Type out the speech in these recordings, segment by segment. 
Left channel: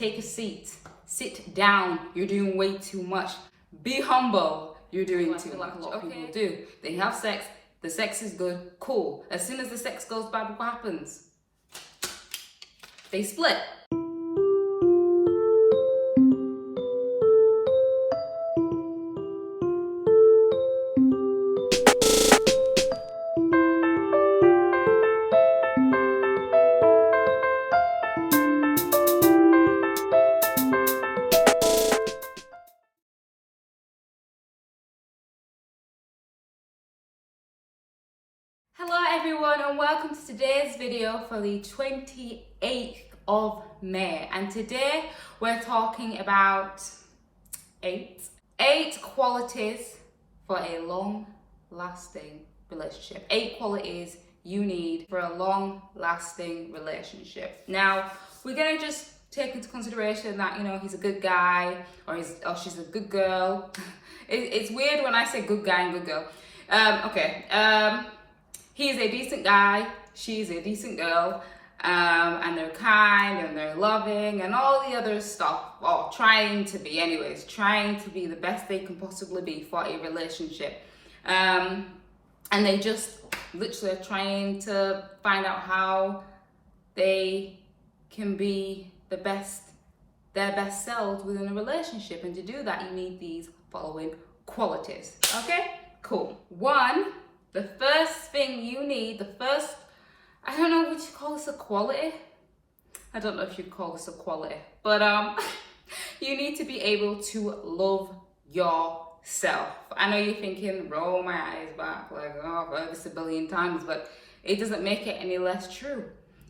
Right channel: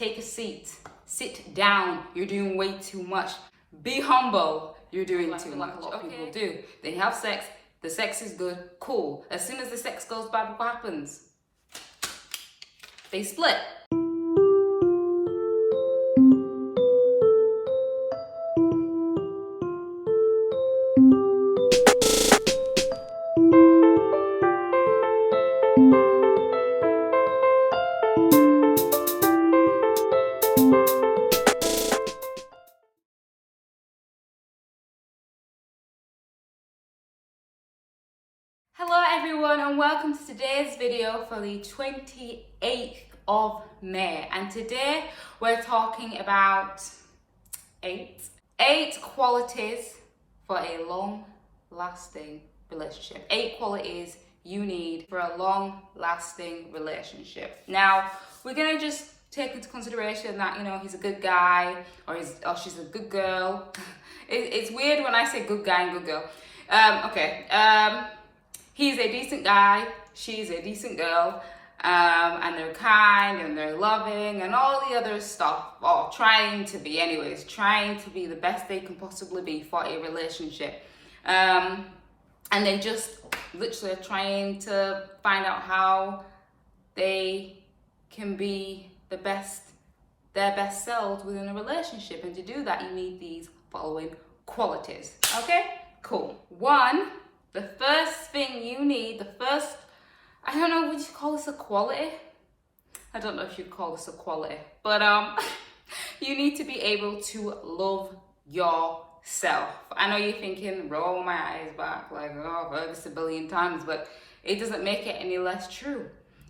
Take a seat. Sit down. You're doing way too much. Be humble. You're doing too much. A lot of people do. They have sex. The sex is good. Cool. As soon as the sex goes bad, what happens? They split. Hello everyone and welcome to today's video for the 28th of May, and today we're talking about eight qualities for a long-lasting relationship. 8 qualities you need for a long-lasting relationship. Now we're gonna just take into consideration that, you know, he's a good guy or she's a good girl. It's weird when I say good guy and good girl. He's a decent guy, she's a decent girl, and they're kind and they're loving and all the other stuff, or trying to be the best they can possibly be for a relationship. And they just literally are trying to find out how they can be their best selves within a relationship. And to do that, you need these following qualities. Okay, cool. 1, the first thing you need, I don't know, would you call this a quality? I don't know if you'd call this a quality, but you need to be able to love yourself. I know you're thinking, roll my eyes back, like, oh, I've heard this a billion times, but it doesn't make it any less true.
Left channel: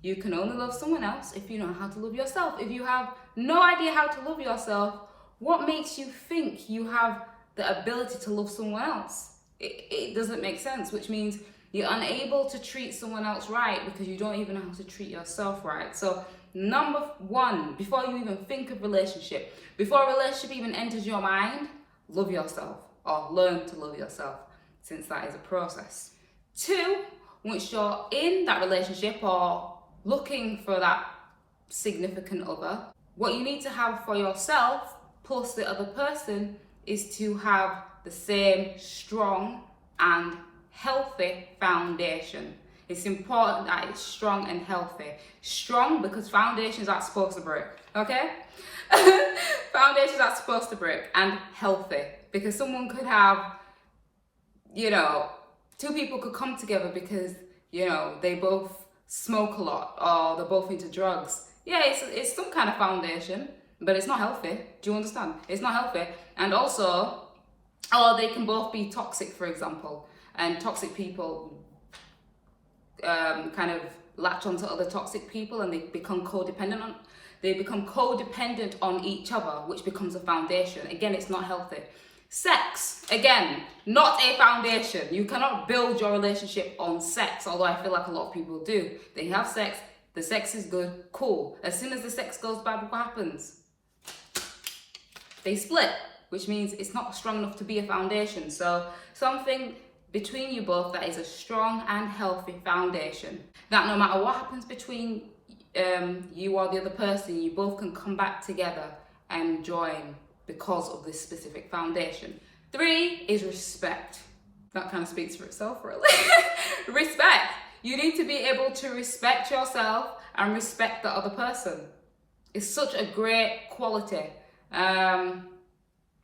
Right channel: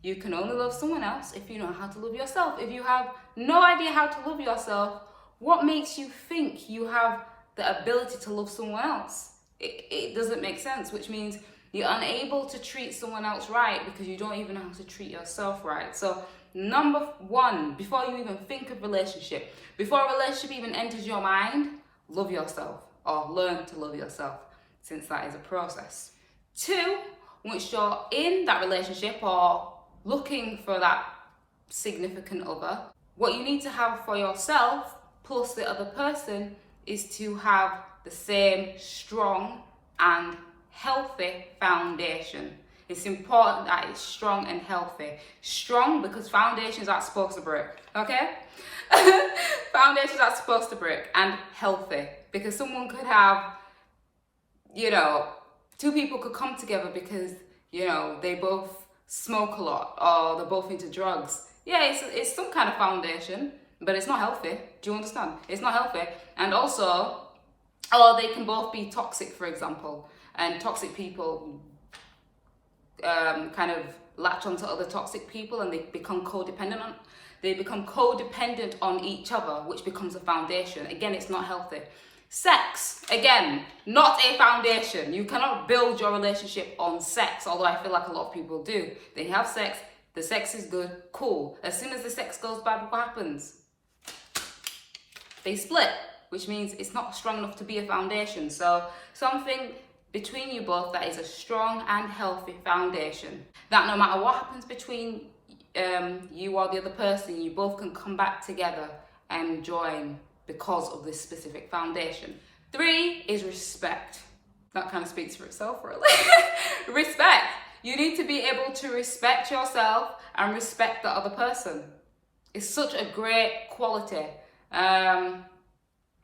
You can only love someone else if you know how to love yourself. If you have no idea how to love yourself, what makes you think you have the ability to love someone else? It doesn't make sense, which means you're unable to treat someone else right because you don't even know how to treat yourself right. So number 1, before you even think of relationship, before a relationship even enters your mind, love yourself, or learn to love yourself, since that is a process. 2, once you're in that relationship or looking for that significant other, what you need to have for yourself plus the other person is to have the same strong and healthy foundation. It's important that it's strong and healthy. Strong because foundations aren't supposed to break, okay? Foundations aren't supposed to break. And healthy because someone could have, you know, 2 people could come together because, you know, they both smoke a lot or they're both into drugs. Yeah, it's some kind of foundation, but it's not healthy. Do you understand? It's not healthy. And also, or they can both be toxic, for example, and toxic people kind of latch onto other toxic people and they become codependent on each other, which becomes a foundation. Again, it's not healthy. Sex, again, not a foundation. You cannot build your relationship on sex, although I feel like a lot of people do. They have sex, the sex is good, cool. As soon as the sex goes bad, what happens? They split, which means it's not strong enough to be a foundation. So something between you both that is a strong and healthy foundation, that no matter what happens between you or the other person, you both can come back together and join because of this specific foundation. 3 is respect. That kind of speaks for itself, really. Respect. You need to be able to respect yourself and respect the other person. It's such a great quality.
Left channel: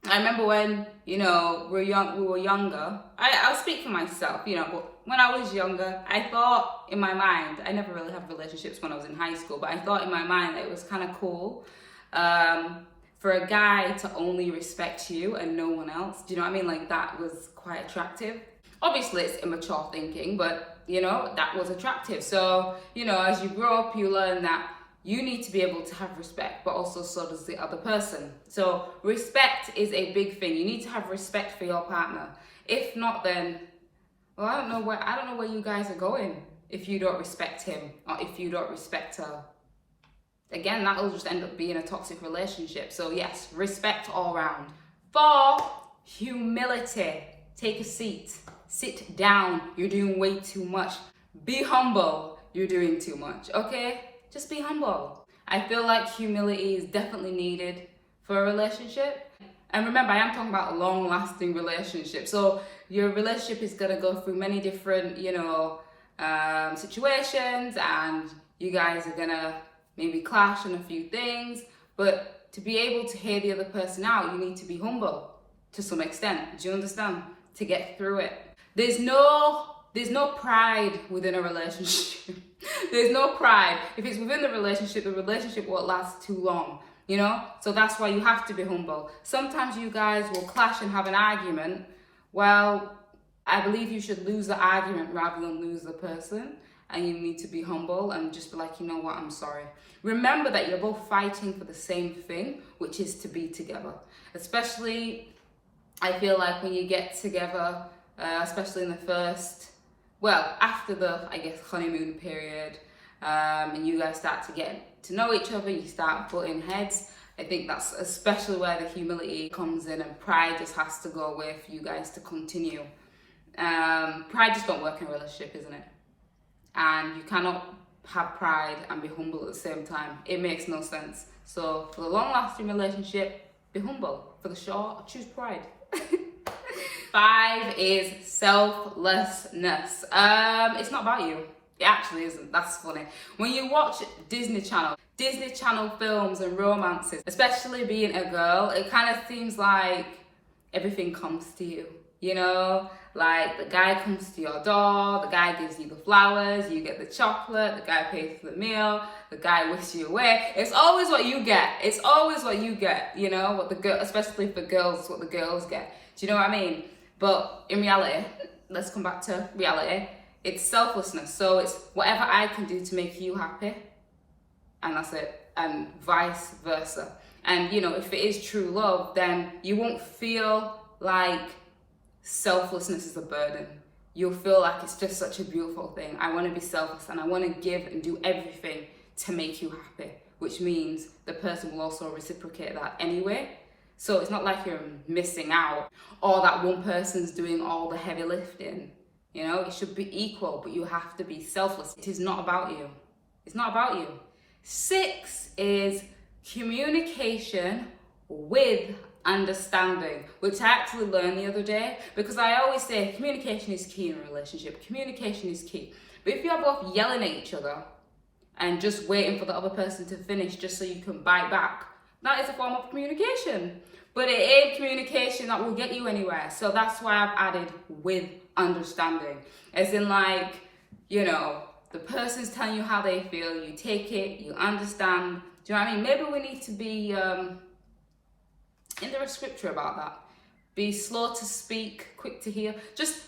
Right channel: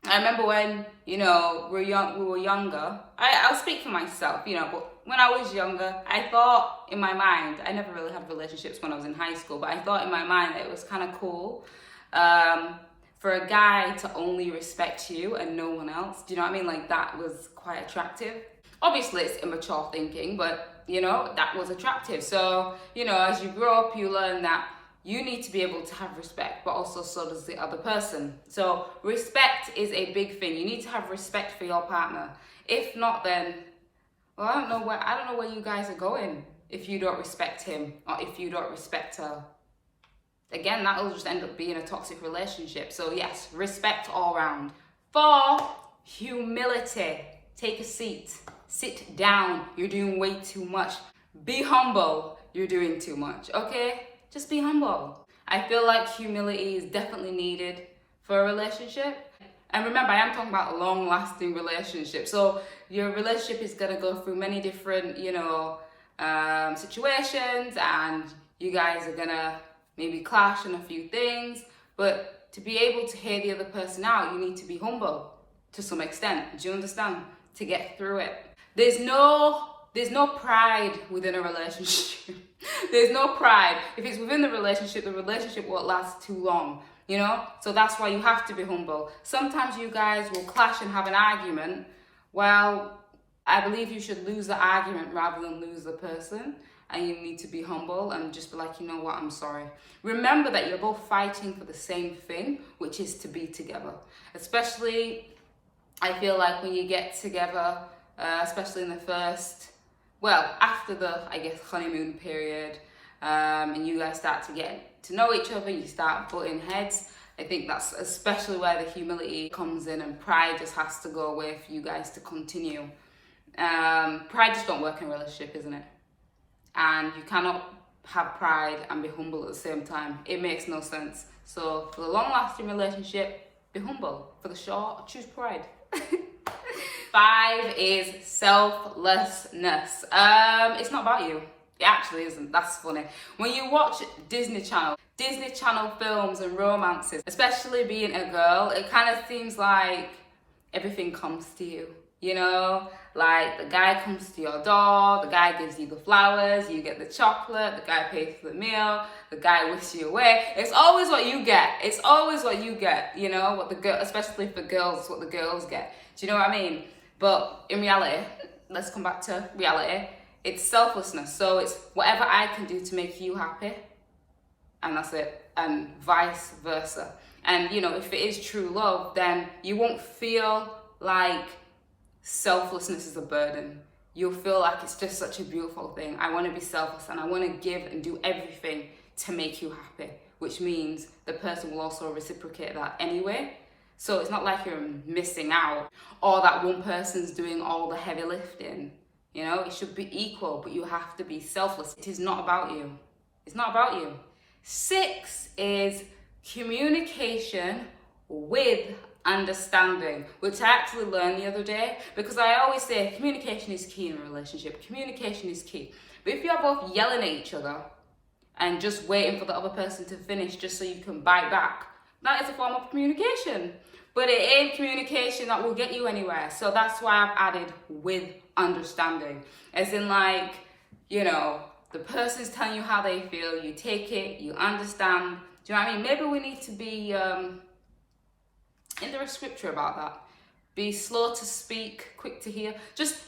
I remember when, you know, we were younger. I'll speak for myself, you know, but when I was younger, I thought in my mind, I never really had relationships when I was in high school, but I thought in my mind that it was kind of cool for a guy to only respect you and no one else. Do you know what I mean? Like, that was quite attractive. Obviously, it's immature thinking, but, you know, that was attractive. So, you know, as you grow up, you learn that you need to be able to have respect, but also so does the other person. So respect is a big thing. You need to have respect for your partner. If not, then, well, I don't know where you guys are going if you don't respect him or if you don't respect her. Again, that will just end up being a toxic relationship. So yes, respect all around. 4, humility. Take a seat. Sit down. You're doing way too much. Be humble. You're doing too much, okay? Just be humble. I feel like humility is definitely needed for a relationship. And remember, I am talking about a long-lasting relationship. So your relationship is gonna go through many different, situations, and you guys are gonna maybe clash on a few things. But to be able to hear the other person out, you need to be humble to some extent. Do you understand? To get through it. There's no pride within a relationship. There's no pride. If it's within the relationship won't last too long, So that's why you have to be humble. Sometimes you guys will clash and have an argument. Well, I believe you should lose the argument rather than lose the person. And you need to be humble and just be like, you know what, I'm sorry. Remember that you're both fighting for the same thing, which is to be together. Especially, I feel like when you get together, especially in the first, after the, honeymoon period, and you guys start to get to know each other, you start butting heads. I think that's especially where the humility comes in, and pride just has to go away for you guys to continue. Pride just don't work in a relationship, isn't it? And you cannot have pride and be humble at the same time. It makes no sense. So for the long-lasting relationship, be humble. For the short, choose pride. 5 is selflessness. It's not about you. It actually isn't. That's funny. When you watch Disney Channel films and romances, especially being a girl, it kind of seems like everything comes to you. Like the guy comes to your door, the guy gives you the flowers, you get the chocolate, the guy pays for the meal, the guy whisks you away. It's always what you get. What the girl, especially for girls, it's what the girls get. Do you know what I mean? But in reality, let's come back to reality. It's selflessness. So it's whatever I can do to make you happy, and that's it, and vice versa. And if it is true love, then you won't feel like selflessness is a burden. You'll feel like it's just such a beautiful thing. I want to be selfless and I want to give and do everything to make you happy, which means the person will also reciprocate that anyway. So it's not like you're missing out, or that one person's doing all the heavy lifting. It should be equal, but you have to be selfless. It is not about you. It's not about you. 6 is communication with understanding, which I actually learned the other day, because I always say communication is key in a relationship. Communication is key. But if you're both yelling at each other and just waiting for the other person to finish just so you can bite back, that is a form of communication. But it ain't communication that will get you anywhere. So that's why I've added with understanding. As in the person's telling you how they feel, you take it, you understand. Do you know what I mean? Maybe we need to be in there a scripture about that. Be slow to speak, quick to hear. Just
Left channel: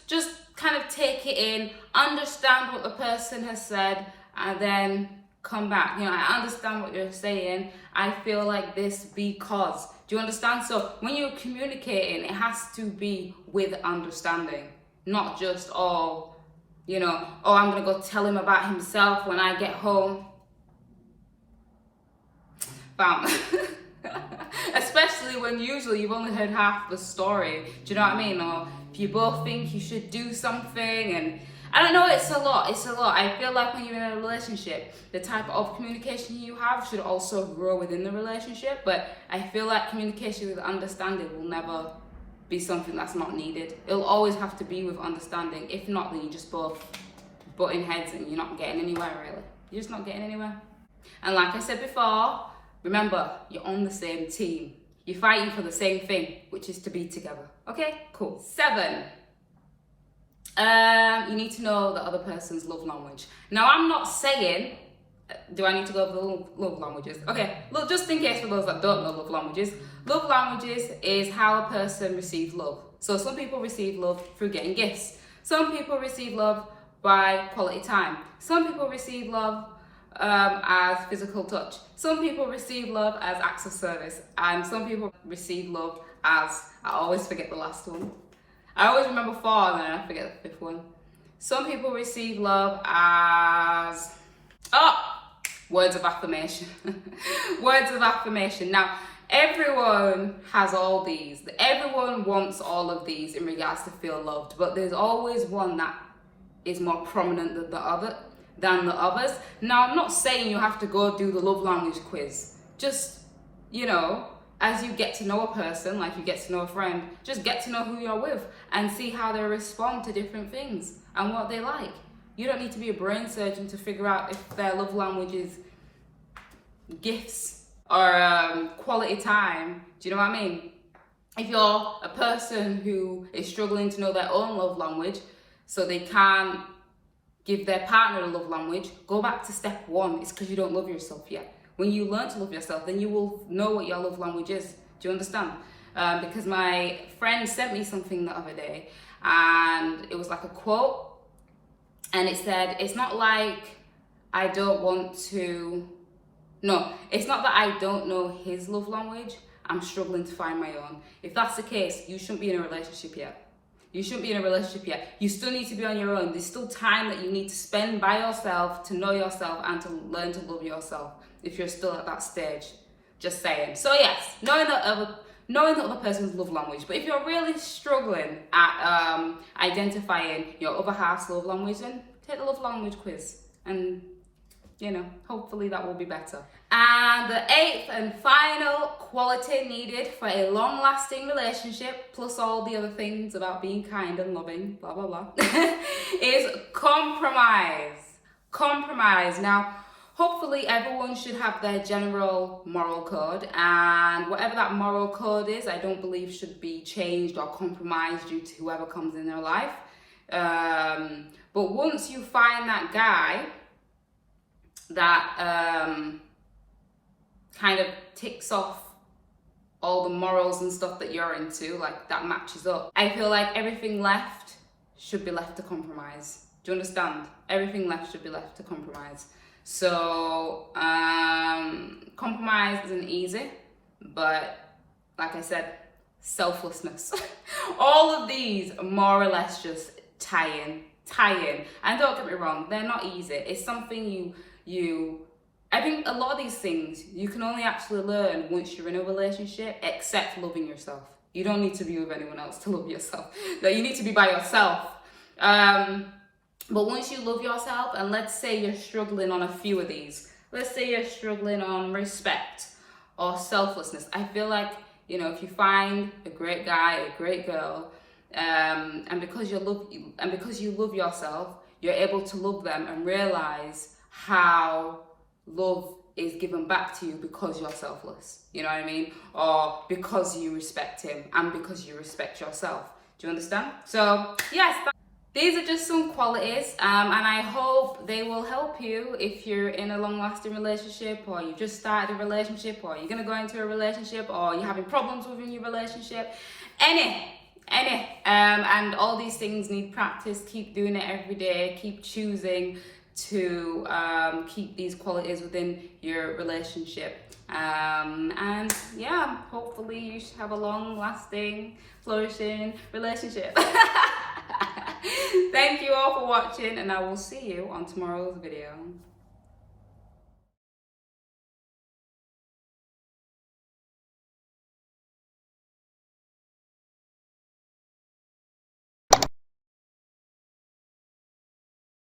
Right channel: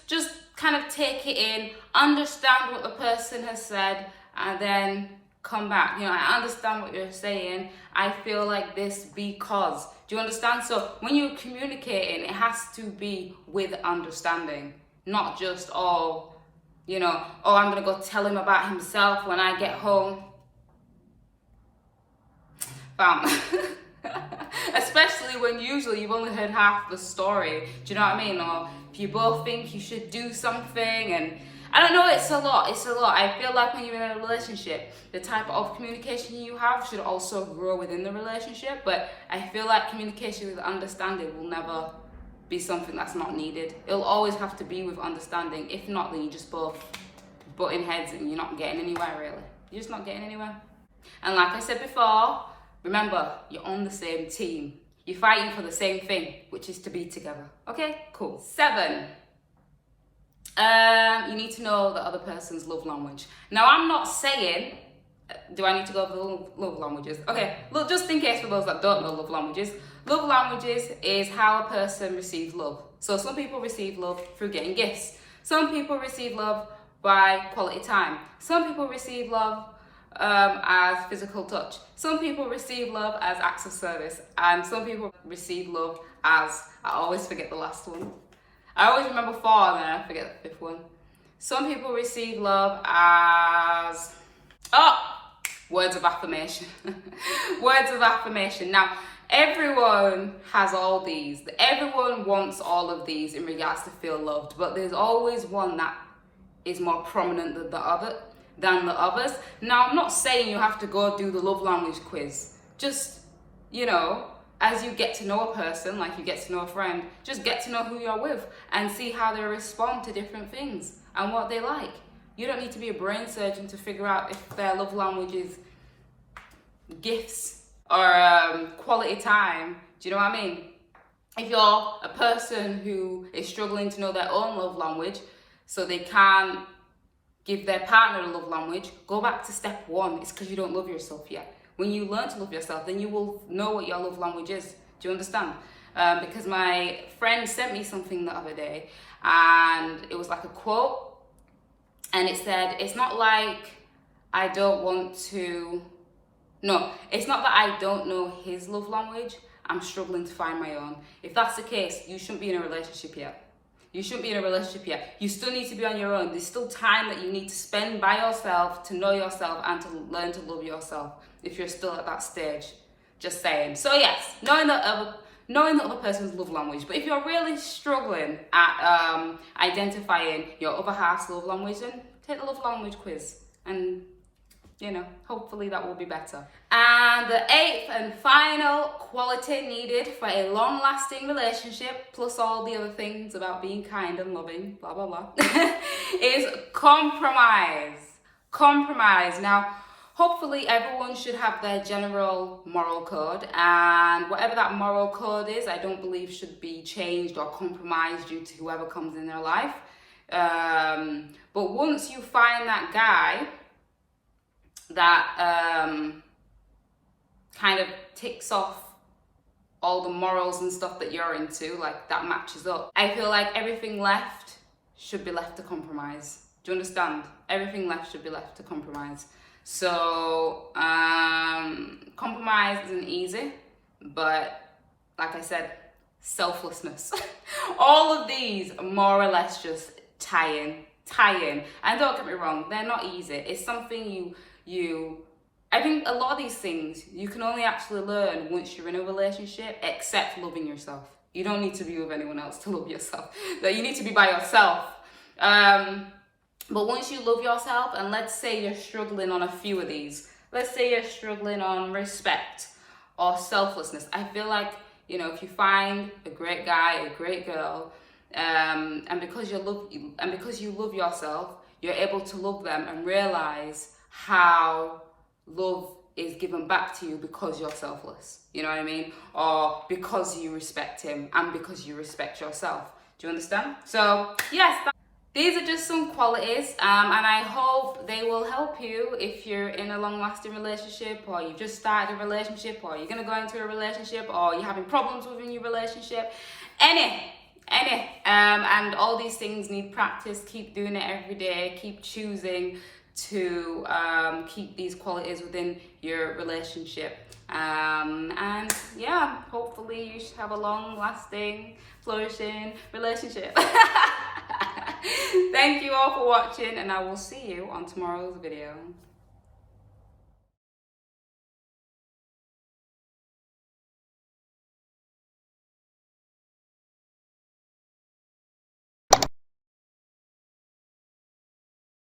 kind of take it in, understand what the person has said, and then come back. I understand what you're saying. I feel like this because. Do you understand? So when you're communicating, it has to be with understanding, not just I'm gonna go tell him about himself when I get home. Bam. Especially when usually you've only heard half the story. Do you know what I mean? Or if you both think you should do something, and I don't know, it's a lot. I feel like when you're in a relationship, the type of communication you have should also grow within the relationship. But I feel like communication with understanding will never be something that's not needed. It'll always have to be with understanding. If not, then you just both butting heads and you're not getting anywhere, really. You're just not getting anywhere. And like I said before, remember, you're on the same team. You're fighting for the same thing, which is to be together. Okay, cool. 7. You need to know the other person's love language. Now, I'm not saying, do I need to go over the love languages? Okay, look, just in case for those that don't know love languages is how a person receives love. So some people receive love through getting gifts. Some people receive love by quality time. Some people receive love as physical touch. Some people receive love as acts of service, and some people receive love as, I always forget the last one. I always remember 4 and then I forget the 5th one. Some people receive love as, words of affirmation. Words of affirmation. Now, everyone has all these. Everyone wants all of these in regards to feel loved, but there's always one that is more prominent than the other. than the others. Now, I'm not saying you have to go do the love language quiz. Just, you know, as you get to know a person, like you get to know a friend, just get to know who you're with and see how they respond to different things and what they like. You don't need to be a brain surgeon to figure out if their love language is gifts or quality time. Do you know what I mean? If you're a person who is struggling to know their own love language, so they can't give their partner a love language, go back to step one. It's because you don't love yourself yet. When you learn to love yourself, then you will know what your love language is. Do you understand? Because my friend sent me something the other day, and it was like a quote, and it said, it's not like I don't want to, no, it's not that I don't know his love language, I'm struggling to find my own. If that's the case, you shouldn't be in a relationship yet. You shouldn't be in a relationship yet. You still need to be on your own. There's still time that you need to spend by yourself to know yourself and to learn to love yourself if you're still at that stage. Just saying. So yes, knowing the other person's love language. But if you're really struggling at identifying your other half's love language, then take the love language quiz, and you know, hopefully that will be better. And the 8th and final quality needed for a long-lasting relationship, plus all the other things about being kind and loving, blah, blah, blah, is compromise. Compromise. Now, hopefully everyone should have their general moral code, and whatever that moral code is, I don't believe should be changed or compromised due to whoever comes in their life. But once you find that guy that kind of ticks off all the morals and stuff that you're into, like that matches up, I feel like everything left should be left to compromise. Do you understand? Everything left should be left to compromise. So compromise isn't easy, but like I said, selflessness. All of these more or less just tie in. And don't get me wrong, they're not easy. It's something I think a lot of these things you can only actually learn once you're in a relationship, except loving yourself. You don't need to be with anyone else to love yourself. You need to be by yourself. But once you love yourself, and let's say you're struggling on a few of these, let's say you're struggling on respect or selflessness, I feel like, you know, if you find a great guy, a great girl, and because you love yourself, you're able to love them and realize how love is given back to you because you're selfless. You know what I mean? Or because you respect him and because you respect yourself. Do you understand? So yes, these are just some qualities, and I hope they will help you if you're in a long-lasting relationship, or you've just started a relationship, or you're gonna go into a relationship, or you're having problems within your relationship. And all these things need practice. Keep doing it every day. Keep choosing to keep these qualities within your relationship. And yeah, hopefully you should have a long-lasting, flourishing relationship. Thank you all for watching, and I will see you on tomorrow's video.